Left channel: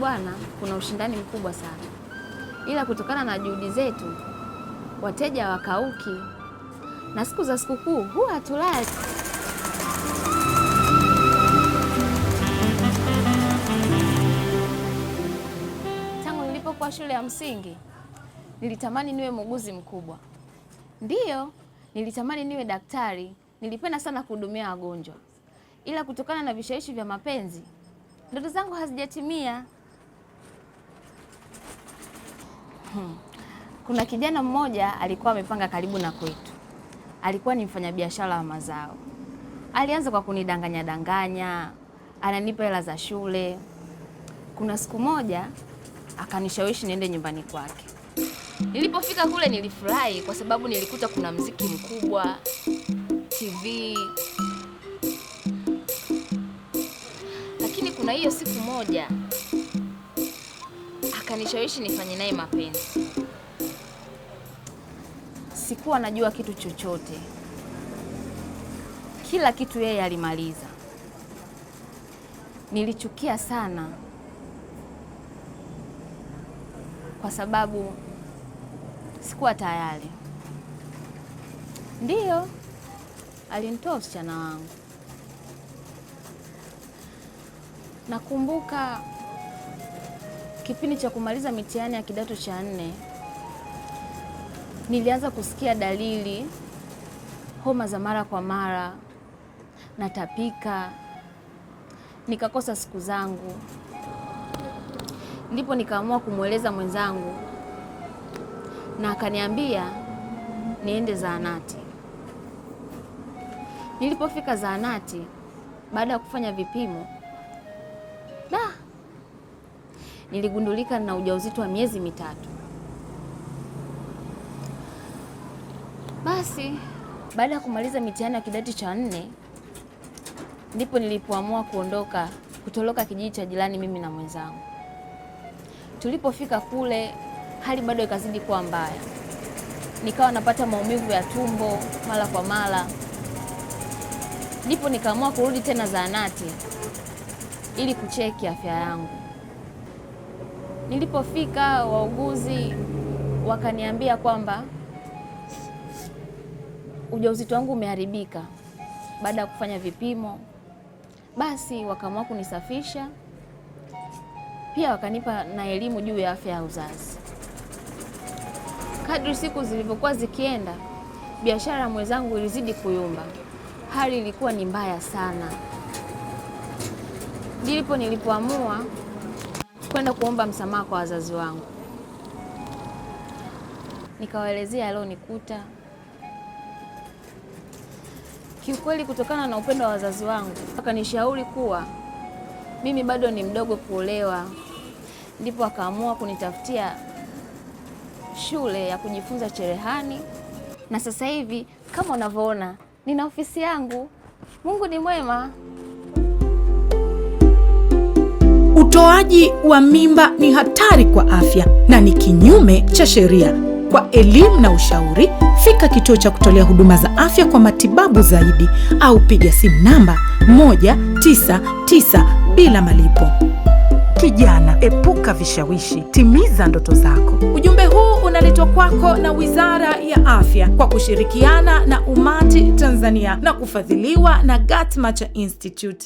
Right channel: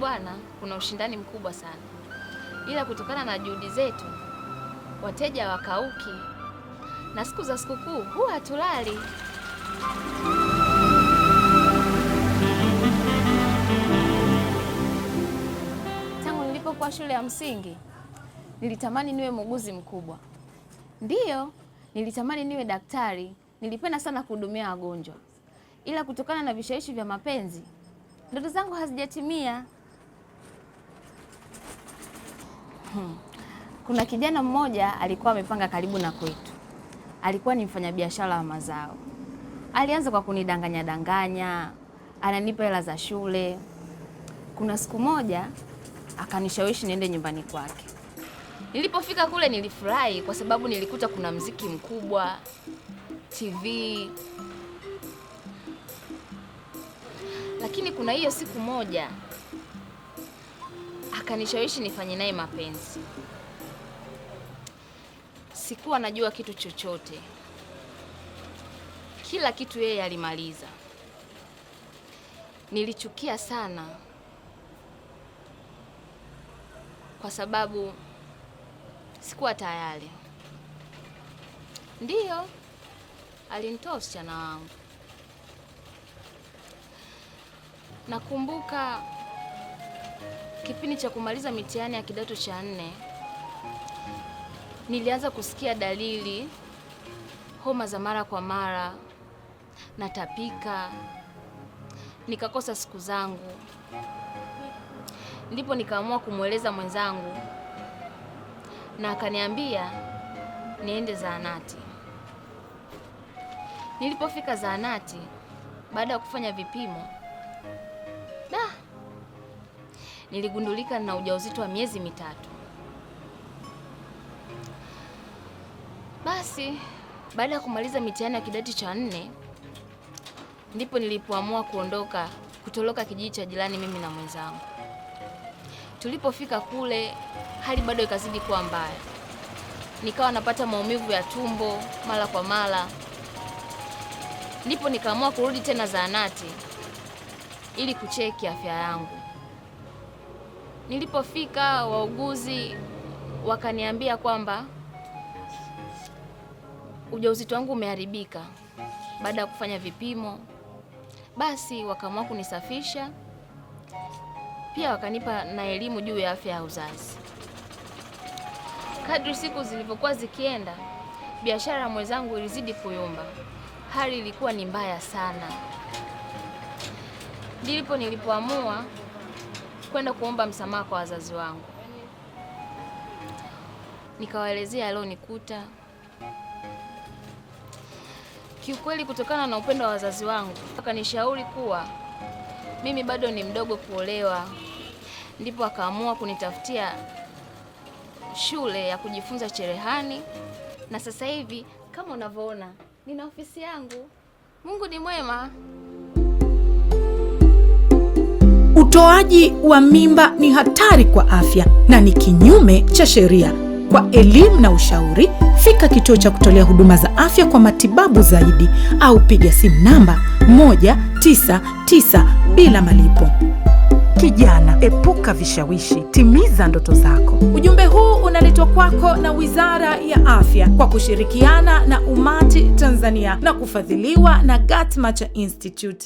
bwana, kuna ushindani mkubwa sana, ila kutokana na juhudi zetu wateja wakauki, na siku za sikukuu huwa hatulali. Tangu nilipokuwa shule ya msingi nilitamani niwe muuguzi mkubwa. Ndiyo, nilitamani niwe daktari. Nilipenda sana kuhudumia wagonjwa, ila kutokana na vishawishi vya mapenzi ndoto zangu hazijatimia. Kuna kijana mmoja alikuwa amepanga karibu na kwetu. Alikuwa ni mfanyabiashara wa mazao. Alianza kwa kunidanganya, ananipa hela za shule. Kuna siku moja akanishawishi niende nyumbani kwake. Nilipofika kule nilifurahi kwa sababu nilikuta kuna mziki mkubwa, TV. Lakini kuna hiyo siku moja akanishawishi nifanye naye mapenzi. Sikuwa najua kitu chochote. Kila kitu yeye alimaliza. Nilichukia sana kwa sababu sikuwa tayari. Ndiyo, alinitoa usichana wangu. Nakumbuka kipindi cha kumaliza mitihani ya kidato cha 4, nilianza kusikia dalili, homa za mara kwa mara, natapika, nikakosa siku zangu. Ndipo nikaamua kumweleza mwenzangu na akaniambia niende zahanati. Nilipofika zahanati, baada ya kufanya vipimo, niligundulika na ujauzito wa miezi 3. Basi baada ya kumaliza mitihani ya kidato cha 4, ndipo nilipoamua kutoroka kijiji cha jirani mimi na mwenzangu. Tulipofika kule, hali bado ikazidi kuwa mbaya. Nikawa napata maumivu ya tumbo mara kwa mara. Ndipo nikaamua kurudi tena zahanati ili kucheki afya yangu. Nilipofika, wauguzi wakaniambia kwamba ujauzito wangu umeharibika baada ya kufanya vipimo. Basi wakaamua kunisafisha. Pia wakanipa na elimu juu ya afya ya uzazi. Kadri siku zilivyokuwa zikienda, biashara ya mwenzangu ilizidi kuyumba. Hali ilikuwa ni mbaya sana. Ndipo nilipoamua kwenda kuomba msamaha kwa wazazi wangu. Nikawaelezea yaliyonikuta. Kiukweli, kutokana na upendo wa wazazi wangu, akanishauri kuwa mimi bado ni mdogo kuolewa. Ndipo akaamua kunitafutia shule ya kujifunza cherehani. Na sasa hivi kama unavyoona, nina ofisi yangu. Mungu ni mwema. Utoaji wa mimba ni hatari kwa afya na ni kinyume cha sheria. Kwa elimu na ushauri, fika kituo cha kutolea huduma za afya kwa matibabu zaidi au piga simu namba 199 bila malipo. Kijana, epuka vishawishi, timiza ndoto zako. Ujumbe huu unaletwa kwako na Wizara ya Afya kwa kushirikiana na Umati Tanzania na kufadhiliwa na Gatmacha Institute.